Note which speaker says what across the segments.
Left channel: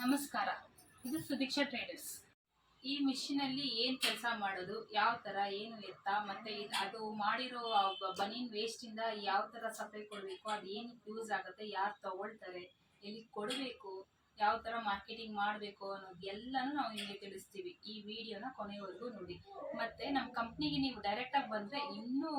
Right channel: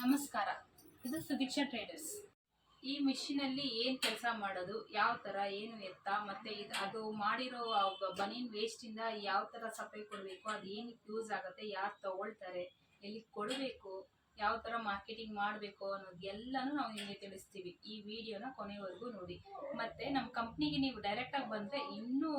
Speaker 1: ನಮಸ್ಕಾರ. ಇದು ಸುದೀಕ್ಷಾ ಟ್ರೇಡರ್ಸ್. ಈ ಮಿಷಿನಲ್ಲಿ ಏನು ಕೆಲಸ ಮಾಡೋದು, ಯಾವ ಥರ ಏನು ಎತ್ತ, ಮತ್ತು ಇದು ಅದು ಮಾಡಿರೋ ಬನೀನ್ ವೇಸ್ಟಿಂದ ಯಾವ ಥರ ಸಪ್ಲೈ ಕೊಡಬೇಕು, ಅದು ಏನಕ್ಕೆ ಯೂಸ್ ಆಗುತ್ತೆ, ಯಾರು ತಗೊಳ್ತಾರೆ, ಎಲ್ಲಿ ಕೊಡಬೇಕು, ಯಾವ ಥರ ಮಾರ್ಕೆಟಿಂಗ್ ಮಾಡಬೇಕು ಅನ್ನೋದು ಎಲ್ಲನೂ ನಾವು ನಿಮಗೆ ತಿಳಿಸ್ತೀವಿ ಈ ವಿಡಿಯೋನ ಕೊನೆವರೆಗೂ ನೋಡಿ. ಮತ್ತು ನಮ್ಮ ಕಂಪ್ನಿಗೆ ನೀವು ಡೈರೆಕ್ಟಾಗಿ ಬಂದರೆ ಇನ್ನೂ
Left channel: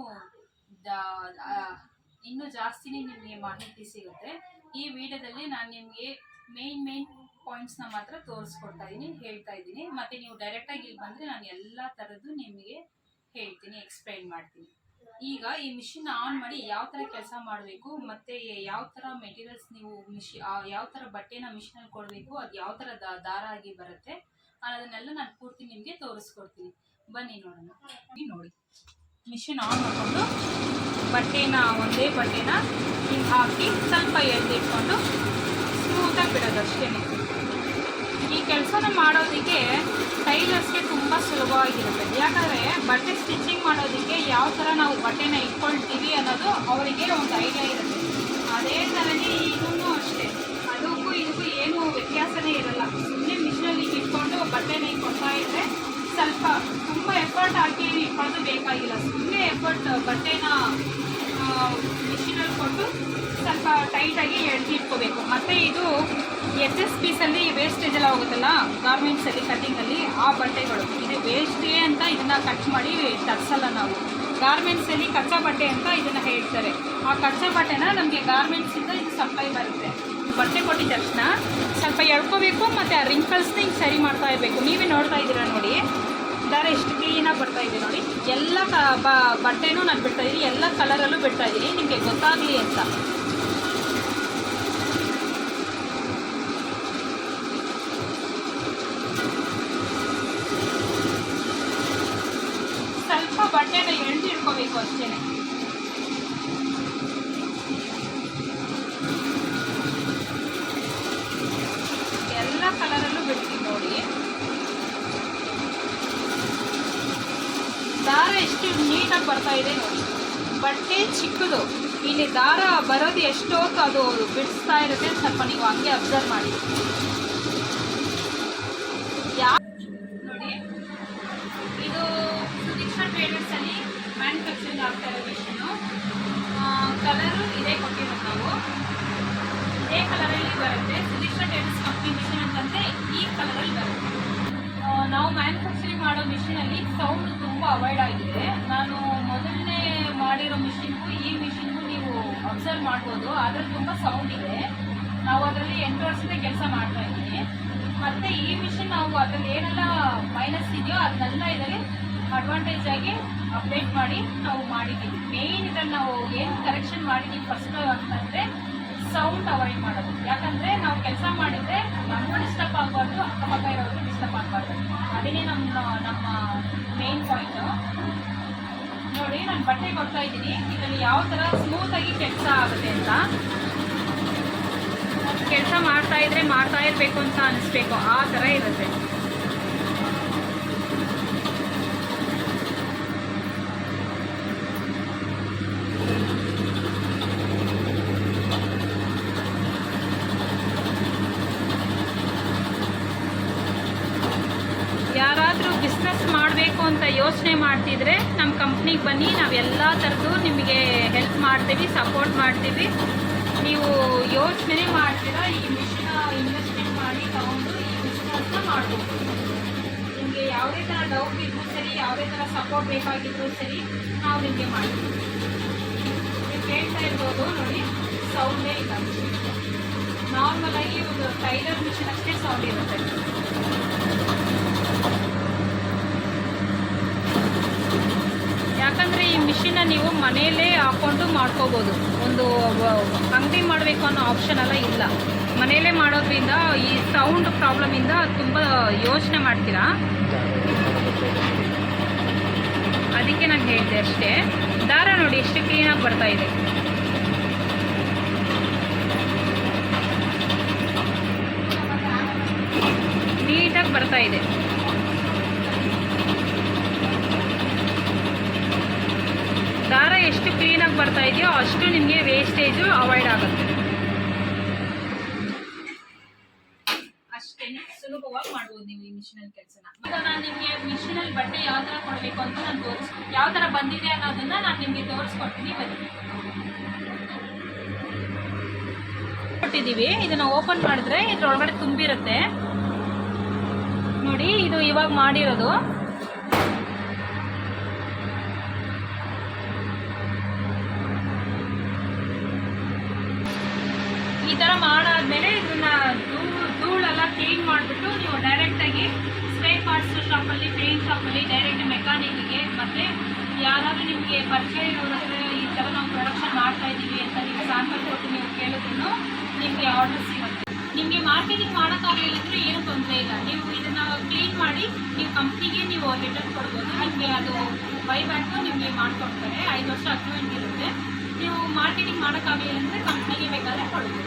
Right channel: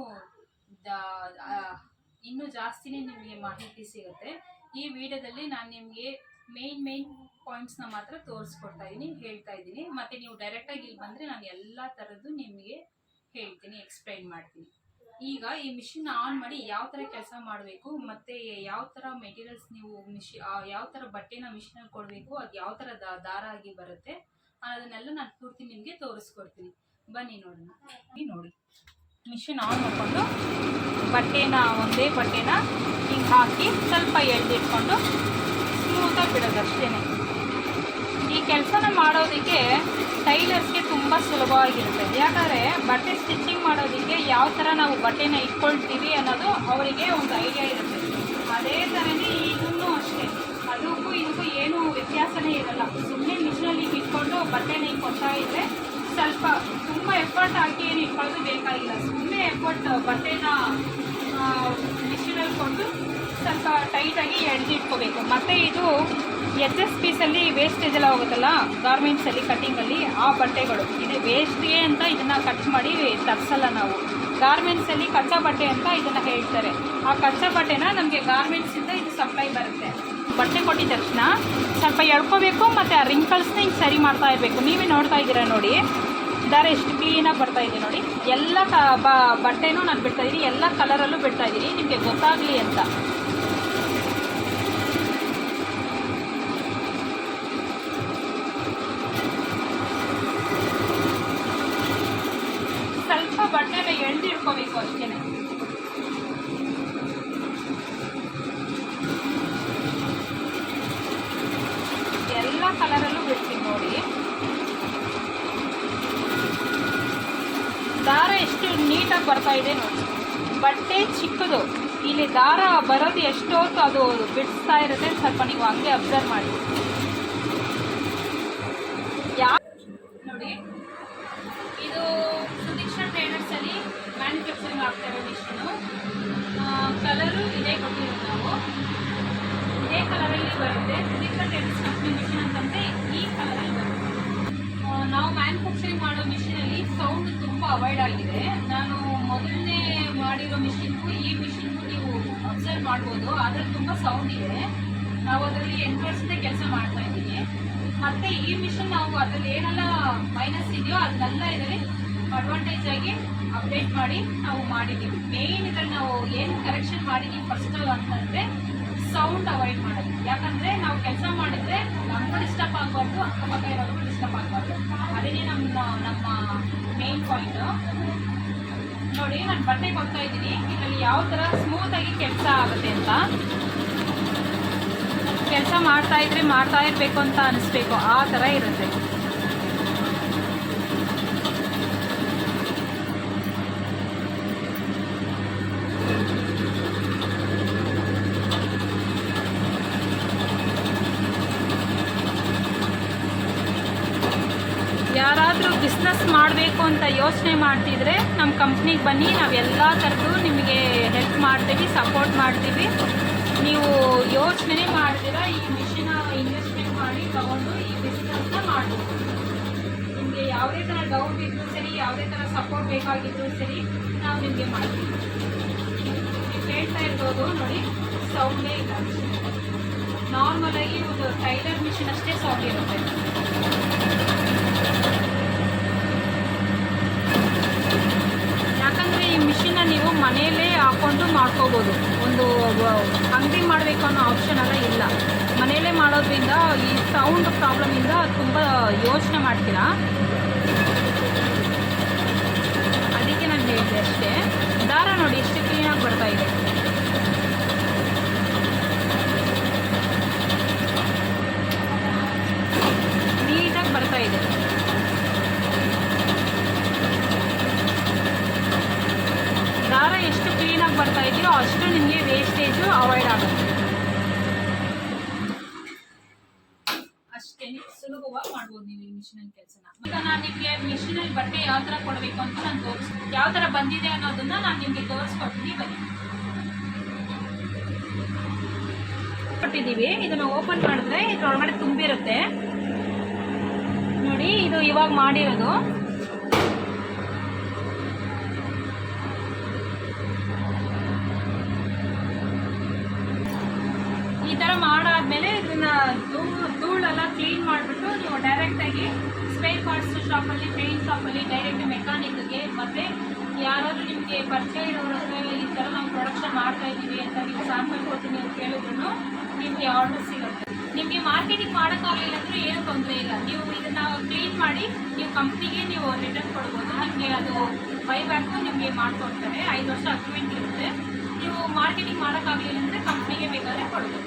Speaker 1: ಇನ್ನೂ ಜಾಸ್ತಿನೇ ನಿಮಗೆ ಮಾಹಿತಿ ಸಿಗುತ್ತೆ. ಈ ವಿಡಿಯೋದಲ್ಲಿ ನಾನು ನಿಮಗೆ ಮೇನ್ ಮೇನ್ ಪಾಯಿಂಟ್ಸ್ನ ಮಾತ್ರ ತೋರಿಸ್ಕೊಡ್ತಾ ಇದ್ದೀನಿ ಹೇಳ್ತಾ ಇದ್ದೀನಿ ಮತ್ತು ನೀವು ಡೈರೆಕ್ಟಾಗಿ ಇಲ್ಲಿ ಬಂದರೆ ನಾನು ಎಲ್ಲ ಥರದ್ದು ನಿಮಗೆ ಹೇಳ್ತೀನಿ ಎಕ್ಸ್ಪ್ಲೈನ್ ಮಾಡ್ತೀನಿ. ಈಗ ಈ ಮಿಷಿನ್ ಆನ್ ಮಾಡಿ ಯಾವ ಥರ ಕೆಲಸ ಮಾಡಬೇಕು, ಮತ್ತು ಯಾವ ಥರ ಮೆಟೀರಿಯಲ್ಸ್ ನೀವು ಮಿಷಿ ಯಾವ ಥರ ಬಟ್ಟೆನ ಮಿಷಿನಲ್ಲಿ ಕೊಡಬೇಕು, ಅದು ಯಾವ ಥರ ದಾರ ಆಗಿ ಬರುತ್ತೆ ಅದನ್ನೆಲ್ಲ ನಾನು ಪೂರ್ತಿ ನಿಮಗೆ ತೋರಿಸ್ಕೊಡ್ತೀನಿ. ಬನ್ನಿ ನೋಡೋಣ. ನೋಡಿ ಮಿಷಿನ್ ಆನ್ ಮಾಡಿಕೊಂಡು ಬಟ್ಟೆನ, ಒಂದೇ ಬಟ್ಟೆನ ಹಿಂಗೆ ಹಾಕಿ ಸ್ವಲ್ಪ ಎಳ್ದಿಟ್ಕೊಂಡು ಸ್ಮೂತಾಗಿ ಬಿಡೋದು ಅಷ್ಟೇ ಈ ಕೆಲಸನ ಮಾಡೋದಕ್ಕೆ ಟೈಲರ್ಸ್ಗೆ ತುಂಬ ಸುಲಭವಾಗಿರುತ್ತೆ. ಯಾಕಂದರೆ ಬಟ್ಟೆ ಸ್ಟಿಚಿಂಗ್ ಮಾಡೋದಕ್ಕೆ ಯಾವ ಥರ ನಾವು ಬಟ್ಟೆನ ಇಟ್ಕೊಳ್ತೀವಿ ಅನ್ನೋದು ಅವರಿಗೆ ಒಂದು ಐಡಿಯಾ ಇರುತ್ತೆ. ಅದೇ ಥರನೇ ಈಗೂ ಅಷ್ಟೇ. ಅದಕ್ಕೂ ಇದಕ್ಕೂ ಏನೂ ವ್ಯತ್ಯಾಸನೇ ಇರಲ್ಲ. ಸುಮ್ಮನೆ ಮಿಷನಲ್ಲಿ ಇಟ್ಕೊಂಡು ಬಟ್ಟೆನ ಇಟ್ಕೊಳ್ತಾ ಇದ್ದರೆ ಸ್ವಲ್ಪ ತುಂಬ ಎಫರ್ಟ್ ಹಾಕಿ ಏನು ಇಟ್ಕೊಳ್ಳೋದು ಬೇಕಾಗಿಲ್ಲ. ಸುಮ್ಮನೆ ಎಫರ್ಟ್ ಬಟ್ಟೆನ ಮಿಷಿನಲ್ಲಿ ಕೊಟ್ಟು ಸ್ವಲ್ಪ ಟೈಟಾಗಿ ಎಳ್ದು ಇಟ್ಕೋಬೇಕು ಮತ್ತು ಇದು ಎಸ್ ಎಸ್ ಪೀಸಲ್ಲಿ ವೇಸ್ಟೇಜ್ ಎಲ್ಲ ಹೋಗುತ್ತಲ್ಲ ಗಾರ್ಮೆಂಟ್ಸಲ್ಲಿ ಕಟ್ಟಿಂಗಲ್ಲಿ ಆ ಬಟ್ಟೆಗಳು. ಇದು ವೇಸ್ಟೇ ಅಂತ ಇದನ್ನು ಕಟ್ ಮಾಡಿ ತರಿಸಲ್ಲ ನಾವು. ಗಾರ್ಮೆಂಟ್ಸಲ್ಲಿ ಕಚ್ಚಾ ಬಟ್ಟೆ ಅಂತ ಇದನ್ನು ಹೇಳ್ತಾರೆ. ಆ ಕಚ್ಚಾ ಬಟ್ಟೆನ ನಮಗೆ ಗಾರ್ಮೆಂಟ್ಸಿಂದ ಇದು ಸಪ್ಲೈ ಬರುತ್ತೆ. ಬಟ್ಟೆ ಕೊಟ್ಟಿದ ತಕ್ಷಣ ಸ್ವಲ್ಪ ಎಳ್ಕೋಬೇಕು ಮತ್ತು ಆ ರಿಂಕಲ್ಸ್ನ ಹಿಂಗೆ ಸರಿ ಮಾಡ್ತಾ ಇರಬೇಕು. ನೀವೇ ನೋಡ್ತಾ ಇದ್ದೀರಾ ನೋಡಿ. ದಾರ ಎಷ್ಟು ಕ್ಲೀನಾಗಿ ಬರ್ತಾ ಇದೆ ನೋಡಿ. ಎಲ್ಲ ಕ ಬಟ್ಟೆನೂ ನಾನು ಬಿಡ್ತಾ ಇದ್ದೀನಿ ಎಲ್ಲ ಕಲರಲ್ಲೂ ಬಿಡ್ತಾ ಇದ್ದೀನಿ ನಿಮಗೆ ಗೊತ್ತಾಗಲಿ ಅಂತ ಸ್ವಲ್ಪ ಬಟ್ಟೆನ ಅಷ್ಟೇ ಎಲ್ಲ ಕಲರಲ್ಲೂ ಬಿಡ್ತೀನಿ ನೋಡಿ. ದಾರ ಎಷ್ಟು ನೀಟಾಗಿ ಬರ್ತಾ ಇದೆ ಬಟ್ಟೆ ಚಿಕ್ಕದು. ಇಲ್ಲಿ ದಾರ ಬರೋದು ಎಷ್ಟು ಹೊತ್ತು ಅದು ಬಿಡಿಸ್ತಾ ಇರುತ್ತೆ ಸ್ವಲ್ಪ ನೀವು ಹಂಗೆ ಅಬ್ಸರ್ವ್ ಮಾಡಿ ಯಾ ನೋಡಿ ಇದು ಸುದೀಕ್ಷಾ ಟ್ರೇಡರ್ಸ್ ಅಲ್ಲಿ ಮ್ಯಾನುಫ್ಯಾಕ್ಚರಿಂಗ್ ಆಗ್ತಾ ಇರೋ ಮಿಷಿನು ಕಲರು ಇದೇ ಕೊಟ್ಟಿರೋದು ನಾವು ಇದೇ ಕಲರಲ್ಲಿ ಬರುತ್ತೆ ಸುದೀಕ್ಷಾ ಟ್ರೇಡರ್ಸ್ ಕಂಪ್ನಿ ಮಿಷಿನ್ ಅಂತಂದ್ರೆ ಈ ಕಲರಲ್ಲಿ ಬರುತ್ತೆ ಆ, ನಾವು ಮಾಡೋ ಮಿಷಿನಲ್ಲಿ ಸೌಂಡ್ ತುಂಬ ಅವಾಯ್ಡ್ ಆಗಿದೆ. ನಾನು ಮೊದಲನೇ ಮಾಡಿರೋ ಮಿಷಿನ್ಗೂ ಈ ಮಿಷಿನ್ಗೂ ನೀವು ಅಬ್ಸರ್ವ್ ಮಾಡ್ಬೋದು. ಅದ್ರಲ್ಲಿ ತುಂಬ ಸೌಂಡ್ ಇದೆ. ನಾವು ಅದರಲ್ಲಿ ಎಂಟು ವರ್ಷದ ಕೆಲಸ ಮಾಡ್ತಾ ಇದ್ದೀನಿ ಮತ್ತು ಈ ಮಿಷಿನ್ ನಾವು ಅದರಲ್ಲಿ ಏನೆಲ್ಲ ಮೈನಸ್ ಇದೆಯೋ ಅದನ್ನೆಲ್ಲ ಇದರಲ್ಲಿ ಅಡ್ವಾಂಟೇಜ್ ಆಗಿ ಅಪ್ಡೇಟ್ ಮಾಡಿ ನಾವು ಮಾಡಿದ್ದೀವಿ. ಮೇಯ್ನ್ ಇದರಲ್ಲಿ ನಾವು ಏನು ಕರೆಕ್ಷನ್ ಮಾಡಿದ್ದೀವಿ ಫಸ್ಟ್ ಅಂತಂದರೆ ಸೌಂಡ್ ಅವಾಯ್ಡ್ ಮಾಡೋದು. ಯಾಕಂದರೆ ನಾವು ಕೆಲಸ ಮಾಡಿದ್ರೆ ನಮಗೂ ಡಿಸ್ಟರ್ಬ್ ಆಗಬಾರ್ದು, ಅಕ್ಕಪಕ್ಕ ಇರೋರ್ಗೂ ಡಿಸ್ಟರ್ಬ್ ಆಗಬಾರ್ದು. ಅದೇನೇ ನಮ್ಮ ನಮ್ಮ ಮೇನ್ ಪಾಯಿಂಟು ನೋಡಿ, ನಾನು ಬಟ್ಟೆ ಕೊಡ್ತಾ ಇದ್ದೀನಿ. ಇದರಲ್ಲಿ ಯಾವ ಥರ ಸ್ಮೂತಾಗಿ ಕೆಲಸ ಆಗುತ್ತೆ ಅಂತ. ಕೆಲಸ ಮಾಡ್ತಾ ಇದ್ರೆ ಮಾಡ್ತಾ ಇರಬೇಕು ಅಂತ ಅನಿಸ್ಬೇಕು. ಆ ಥರ ಇರುತ್ತೆ ಯಾರಾದರೂ ಬಿಸ್ನೆಸ್ ಮಾಡಬೇಕು ಅಂತ ಯೋಚನೆ ಮಾಡ್ತಿದ್ರೆ ನಮ್ಮ ಕಂಪ್ನಿಗೆ ಬನ್ನಿ ನಾವೆಲ್ಲ ಥರದ್ದು ನಿಮಗೆ ಹೆಲ್ಪ್ ಮಾಡ್ತೀವಿ ಸಪೋರ್ಟ್ ಮಾಡ್ತೀವಿ. ನೀವು ಯೋಚನೆ ಮಾಡ್ತೀರ, ಈ ಮಿಷಿನ ಇನ್ವೆಸ್ಟ್ಮೆಂಟ್ ಮಾಡಿ ತಗೊಂಡು ಈ ಬಿಸ್ನೆಸ್ನ ಮಾಡ್ಬೋದು. ನಿಮಗೆ ಯಾವುದೇ ಥರ ಡೌಟ್ ಇದ್ರೂ ಸರಿ, ಯಾವುದೇ ಥರ ಸಪೋರ್ಟ್ ಬೇಕಾಗಿದ್ರೂ ಸರಿ, ನಾವು ನಿಮಗೆ ಮಾಡ್ತೀವಿ. ನೀವು ಕೇಳ್ತಾ ಇರ್ಬೋದು, ನೋಡಿ ಸೌಂಡೇ ಇಲ್ಲ. ನಾರ್ಮಲಾಗಿ ಒಂದು ಟೈಲರ್ ಮಿಷಿನ್ ಅಷ್ಟೇ ಸೌಂಡ್ ಇರುತ್ತೆ ಯಾಕಂದರೆ ಈ ಮಿಷಿನ ನೀವು ಮನೆಯಲ್ಲೇ ಹಾಕೊಂಡು ಮಾಡ್ಕೋಬೋದು. ಒಂದು ಅಂಗಡಿ ಮಾಡಬೇಕು ಅನ್ನೋ ಆಪ್ಷನ್ ಎಲ್ಲ ಇಲ್ಲ. ಮನೆಯಲ್ಲೇ ಮಾಡೋದ್ರಿಂದ ಈ ಸೌಂಡ್ ಪ್ರಾಬ್ಲಮಿಂದ ತುಂಬ ಯೋಚನೆ ಮಾಡ್ತೀರಾ? ಅದಕ್ಕೆ ನಾನು ಹೇಳಿದೆ ಅಷ್ಟೇ. ದಾರ ನೋಡಿ, ಎಷ್ಟು ಕ್ಲೀನಾಗಿ ಬರ್ತಾ ಇದೆ ನೀಟಾಗಿ ಬರ್ತಾ ಇದೆ ದಾರ ಎಷ್ಟು ಕ್ಲೀನಾಗಿ ಬರ್ತಾ ಇದೆಯೋ ಅಷ್ಟು ನಿಮಗೆ ವೇಸ್ಟೇಜು ಅವಾಯ್ಡ್ ಆಗುತ್ತೆ. ಅಷ್ಟೇ ಸುಲಭವಾಗಿ ಮಾಡ್ಬೋದು ನೀವು ಈ ಮಿಷಿನಲ್ಲಿ ಕೆಲಸನ. ನಾನು ನಿಮಗೆ ಮಿಷಿನಲ್ಲಿ ಬಟ್ಟೆ ಯಾವ ಥರ ಕೊಡಬೇಕು ಅಂತ ನಾನು ತೋರಿಸ್ ಯಾವ ಥರ ಬಂದಿದೆ ಅನ್ನೋದನ್ನ ನಾನು ನಿಮಗೆ ತೋರಿಸ್ಕೊಡ್ತೀನಿ. ಬನ್ನಿ. ಕೊಟ್ಟಿದ್ದೀವಿ. ಇದನ್ನ ಓಪನ್ ಮಾಡಿದ್ರೆ ಇದ್ರೊಳಗಡೆ ತುಂಬಿರುತ್ತೆ. ನೋಡಿ, ಇದು ಇವಾಗ ಮಾಡಿರೋದು. ಥರ ಮಾಡಾದ್ಮೇಲೆ ಇದನ್ನ ಧೂಳು, ಧೂಳೆಲ್ಲ ಕ್ಲೀನ್ ಮಾಡಿಬಿಟ್ಟು ನೀವು ಡೈರೆಕ್ಟಾಗಿ ಸ್ಪ್ರೇ ಪಾರ್ಟ್ಸ್ ಶಾಪಲ್ಲಿ ಪೇಂಟ್ ಶಾಪಲ್ಲಿ ಡೈರೆಕ್ಟ್ ಮೆಕ್ಯಾನಿಕ್ಗೆ ಮತ್ತು ಯಾರಾದರೂ ನಿಮಗೆ ಪರಿಚಯ ಇರೋರ ಹತ್ರ ಈ ಥರ ನಾವು ಪ್ರೊಡಕ್ಷನ್ ಮಾಡ್ತಾ ಇದ್ದೀವಿ ಅಂತ ನೀವು ಸ್ಯಾಂಪಲ್ ಕೊಟ್ಟು ನೀವು ಕೇಳಿದ್ರು ನಿಮಗೆ ಆರ್ಡರ್ ಸಿಗುತ್ತೆ. ನಿಮಗೆ ಮಾರ್ಕೆಟಿಂಗ್ ಮಾಡೋಕ್ಕಾಗಲಿಲ್ಲ ಅಂದರೆ ಏನೂ ತೊಂದರೆ ಇಲ್ಲ. ನೀವು ಇದನ್ನು ಕ್ಲೀನ್ ಮಾಡಿ ನೀವು ಕಂಪ್ನಿಗೆ ನೀವು ರಿಟರ್ನ್ ಕೊಡ್ಬೋದು. ನಿಮಗೆ ಅದು ಬೈಬ್ಯಾಕು ನಿಮಗೆ ಮಾಡಿಕೊಡ್ತಾರೆ. ಐದು ವರ್ಷ ಅಗ್ರಿಮೆಂಟ್ ಇರುತ್ತೆ. ನೀವು ಮಾರ್ಕೆಟಿಂಗ್ ಮಾಡೋಕ್ಕಾಗಲಿಲ್ಲ ಅಂದರೆ ಕಂಪ್ನಿಗೆ ಬೇಕಾದರೆ ಕೊಡ್ಬೋದು.